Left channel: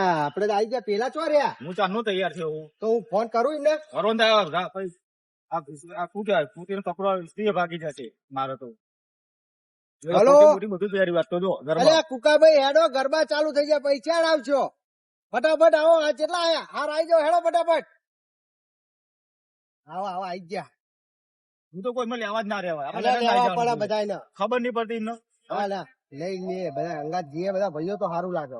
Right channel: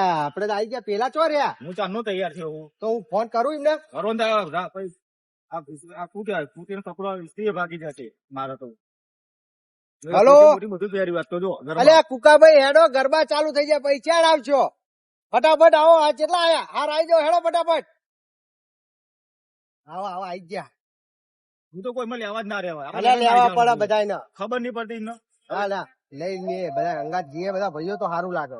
આપડે તો આવી ગયા પેલા ચો રહ્યા. હું ચાંદનો તૈયાર થયો હું. તો હું ફોન કરું એમને. વરોન થાય આ શું કહેવાય કુટીનો કપડો સ્ત્રી ભાગી જશે મારો તો. હલો. બધું તૈયારી વાત તો જો અલે કુકાભાઈ હેડો ગરબા ચાલુ થઈ ગયા પછી ચાલ આવશો. ફટાફટ આવો. આ કેટલા આયા? હાર આવી જાઓ હેડો ફટાફટ. આવો આવો આવી ગયા. હું તો કોઈ મને લેવા જ ના રહેવાય. અલે લેવા પડે બધાયને. ખબર નહીં પડતી ને. હા ના લઈને બધા અંગાત જીએ બધા ભાઈઓ તો સારું લાગે.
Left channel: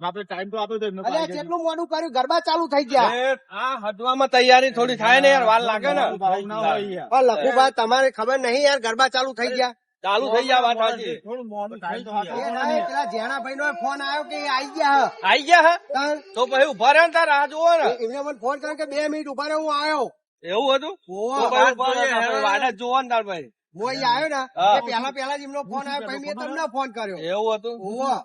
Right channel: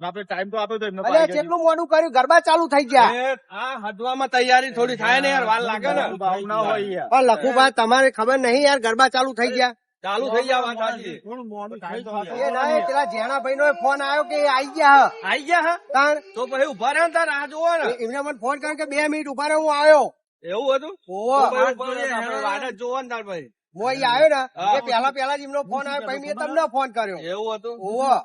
આપણે ટાઈમ તો આપ્યો તો એમને. અલે કેટલું મોડું કર્યું ગરબા ચાલુ થઈ ગયા. આ હડવામાં તૈયારી થોડી થાય ને યાર, વાર લાગે ને. ના હોય યાર. પણ લખુભા તમારે ખબર નહીં યાર ગરબા ચાલુ થઈ ગયા. ચાલુ થઈ જાય વાત સાચી. થોડું મોડું થાય તો એ નહીં, પેલા જેણાભાઈ નો ફોન આવ્યો કે આવી ગયા. આઈ ગયા હા તાણ તો પછી ઉભા રહ્યો ને તાર રાહ જોવો ને. એમને મને ફોન કર્યો કે 2 મિનિટ ઉભા રહો હું આવ્યો. એવું હતું ઓહો. તો પછી ઉભા રહ્યો, વાડ જ જોવો ને તાર ભાઈ. હું અહીં આવ્યો ને હા. એ પેલા જ એમનો ફોન આવ્યો પછી મેં તમને ફોન કર્યો. એવું હતું ઓહો.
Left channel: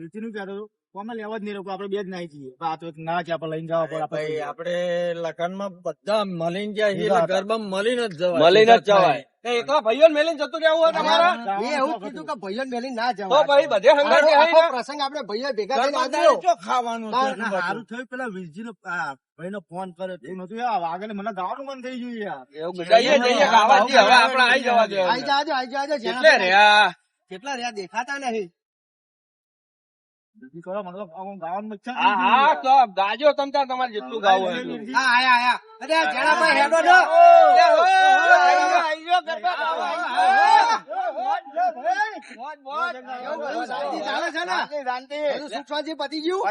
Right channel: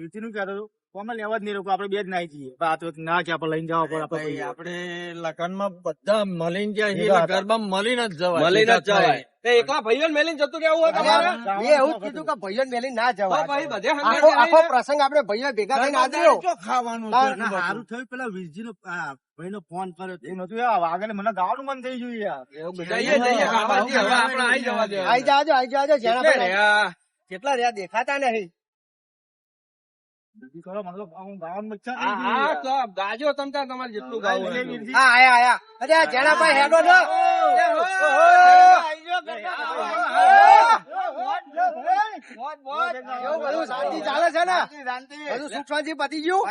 વીતી નું કહેતો હતો કોમે લેવા જ નહીં લોકો આપણે બે જ નાઈ જઈએ. આ તો ના છે આપણે લઈને જવા પડે ભાઈ, આપણે. આપણે લગનમાં બધા મળીને જાય છે એટલે ગરબામાં મળીને જ જવાય. મળીને જ ભેગા જવાય. તે એકલા ભાઈઓ મેલીને જતું રહેવું હોય તમારે મેં એવું જ કીધું કે ભાઈઓ મેલી ના તો જવાય. પછી બધે હંગાત આખો જાય ને. પ્રસંગ આપણે ભાઈઓ ભેગા થઈને ગરબા આદર્યો. દાડે ચો ખાવાનું છે ના, એટલું સારું બધું. થયું પેલા વીરજીનો ભાઈનો ફોન કર્યો એ નતું આગળ મને ગાવાનું મન થઈ ગયું યાર. જઈએ જઈએ ખાવાથી હવે આપણે આઈ જવા દે. આઈ જાજો કેટલે જેણાભાઈ. રહ્યા? કેટલા રહ્યા દેખાતા નહીં. બીજી કરો મને તો ગાવાનું મચ્છા હા હા તો ગાજો તમ તાર તમારે જેટલું ગાવું હોય એટલું. હા આયા. અરે આ જેણાભાઈ હેડો ને. બધું શાંતિ ચાલે છે ને? બધું સુખ શાંતિ પતી ગયું?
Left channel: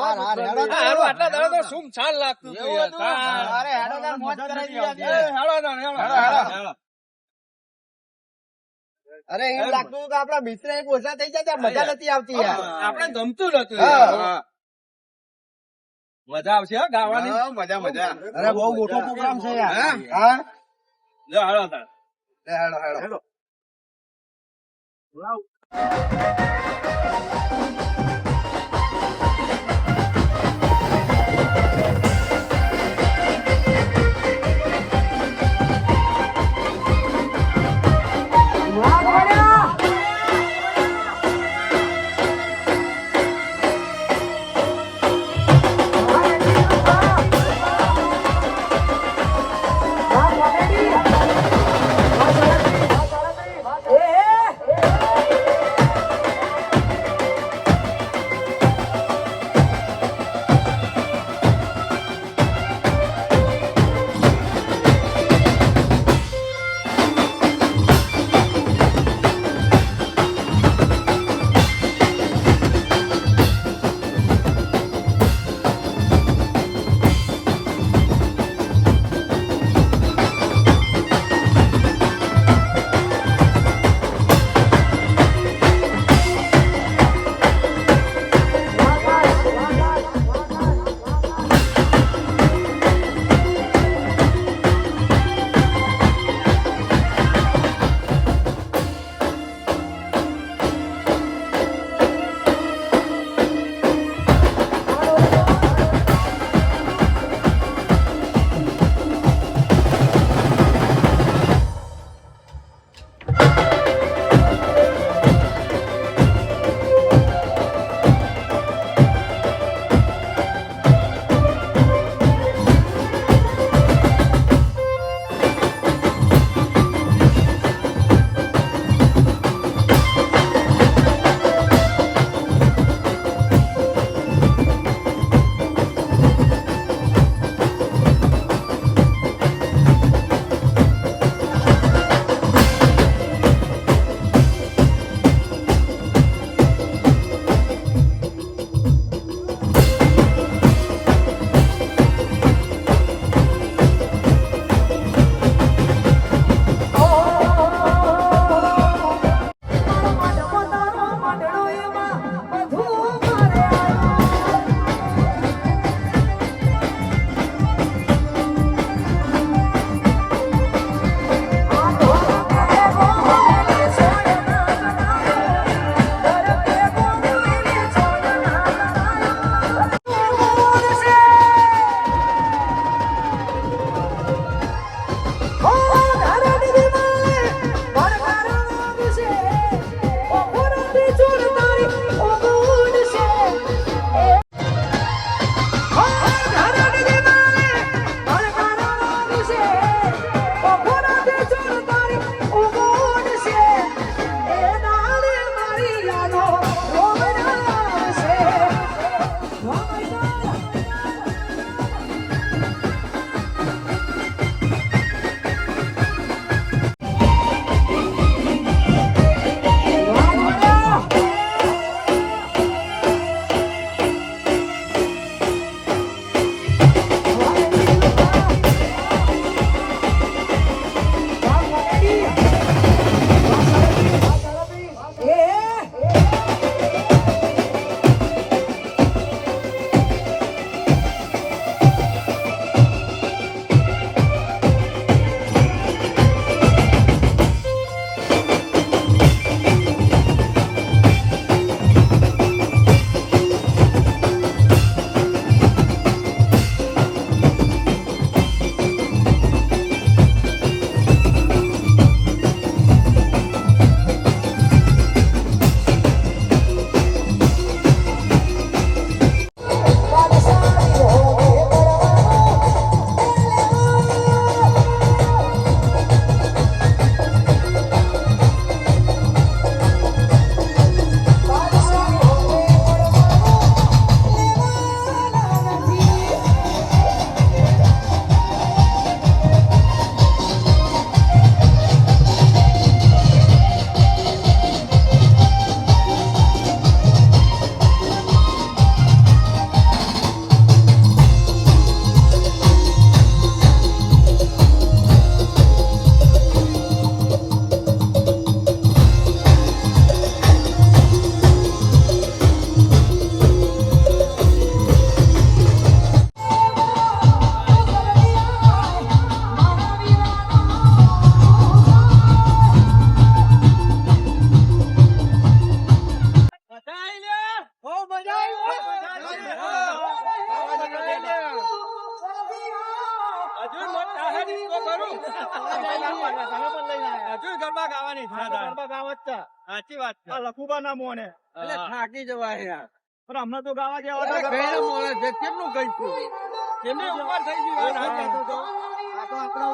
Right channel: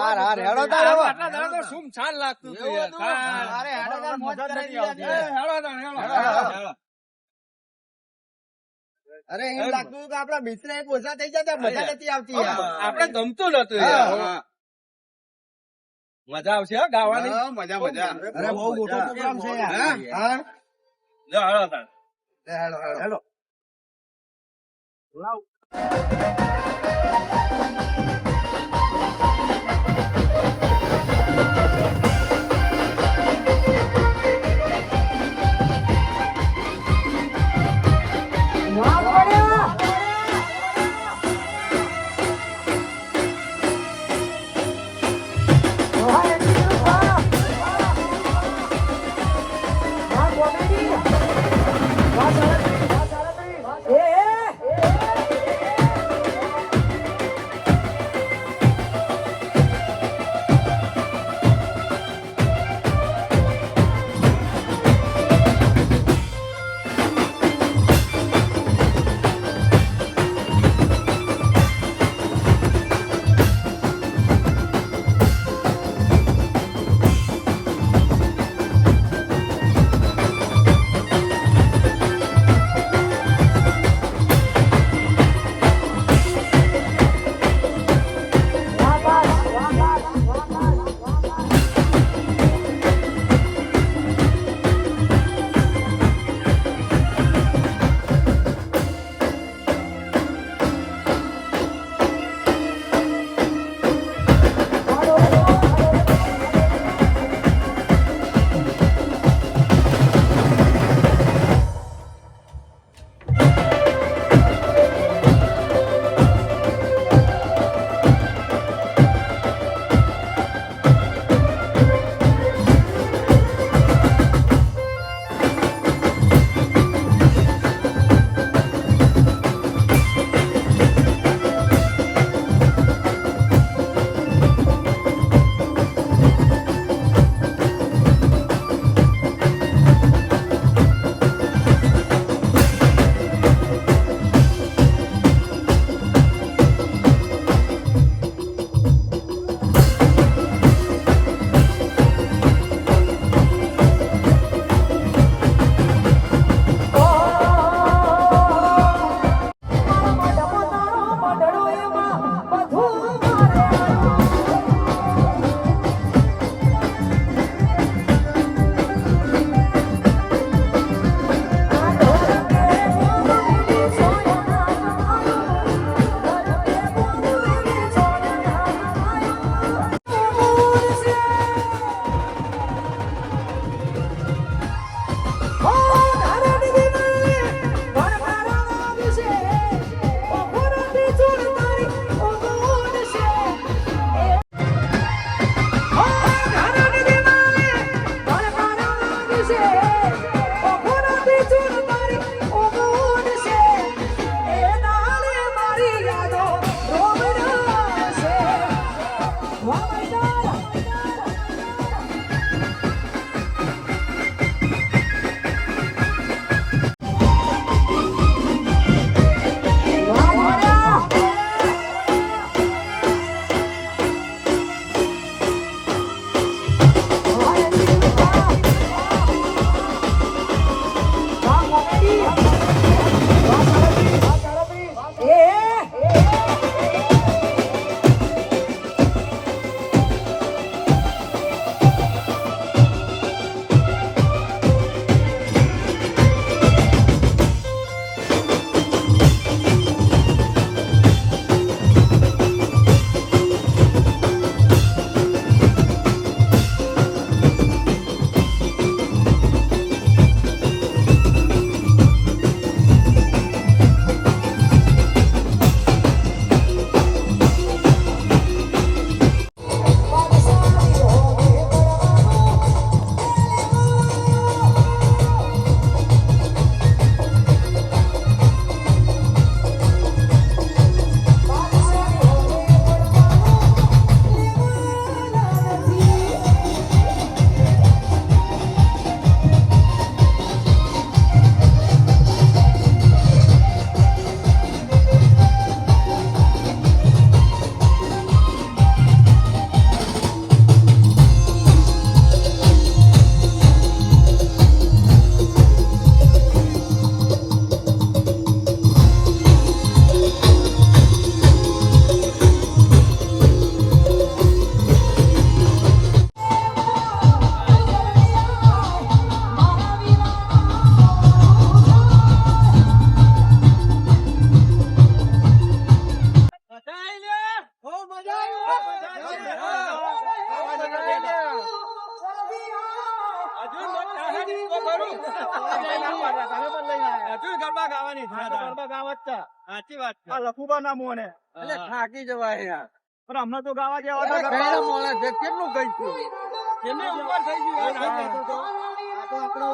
હાર, હાર, હેડો તો હેડો. આટલા દાડા તો સુમસાન લાગતું હતું યાર. અરે હેડો તાર મોજ કરાવી એ, દીધી. હેડો ને, હેડો, હેડો. અરે એવું લાગતું હતું કે આપડા મિત્ર એક ઓછા થઈ જતા મજા નથી આવતી યાર. આપણે ગમતું નતું હા. યાર. હા. મજા આવશે હો ગાવાની. મજા મજા. અરે બહુ મોટો પ્રોગ્રામ છે યાર. હા? હા લે, હેડો તાર. હેડો હેડો. હજુ મત થાહે તો કરું. હજુ ગરબા ગાવાની છે. ગરબા ગાવા જ છે. સાચી વાત છે. આ લખુબા ના મોને એટલે થાકી જવાય યાર. પણ હમણાં તો ગાવા જેવા હતા કયા ગરબા. મોણે છે? કેટલું ગઈશું? એમની ઉંમર થઈ ગઈ હોય ને. આ તો આપણો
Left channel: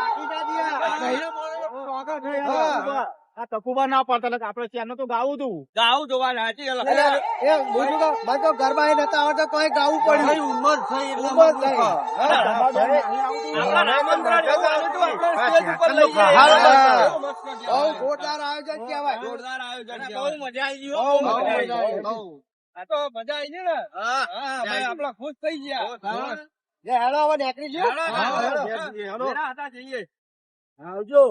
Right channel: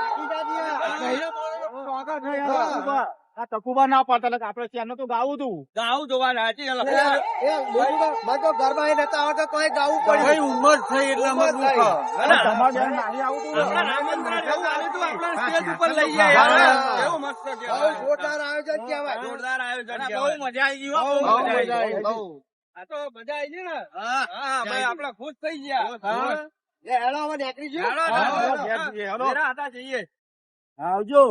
આખી જાતી આ. કયા મોણે તો ટોકા થઈ આ ગયા. લખુબા. આ તકુબા ના પાડતા એટલે આપણે ત્યાંનું તો ગાવું તું. ગાવું જોવાનું સાચી એ બીજું તો મને તો ગરબા એ નતા આવડતા તોય ગાવું કઈ પડ્યું. ઉંમર થઈ એટલે ઉંમર મતલબ. થઈ. આપણા આમંત્રણ એવું આલ્યું તું, આપણે સ્ટેજ ઉપર લઈ જાય હા. એવું મસ્ત બહુ કહેવાય. જોરદાર આયોજન કહેવાય. જોરદાર આયોજન બહુ કહેવાય. મજા આવી ગઈ બહુ હો. મજા આવી ગઈ. બહુ. આ તો મજા આવી ગઈ ને. હા. હા ભાઈ આપણે ખુશ થઈ ગયા. હા. લે હેડો હવે નીકળી જો. હેડો, હા, હેડો, હેડો. હેડો. મેરા હતા જઈએ. આવજો.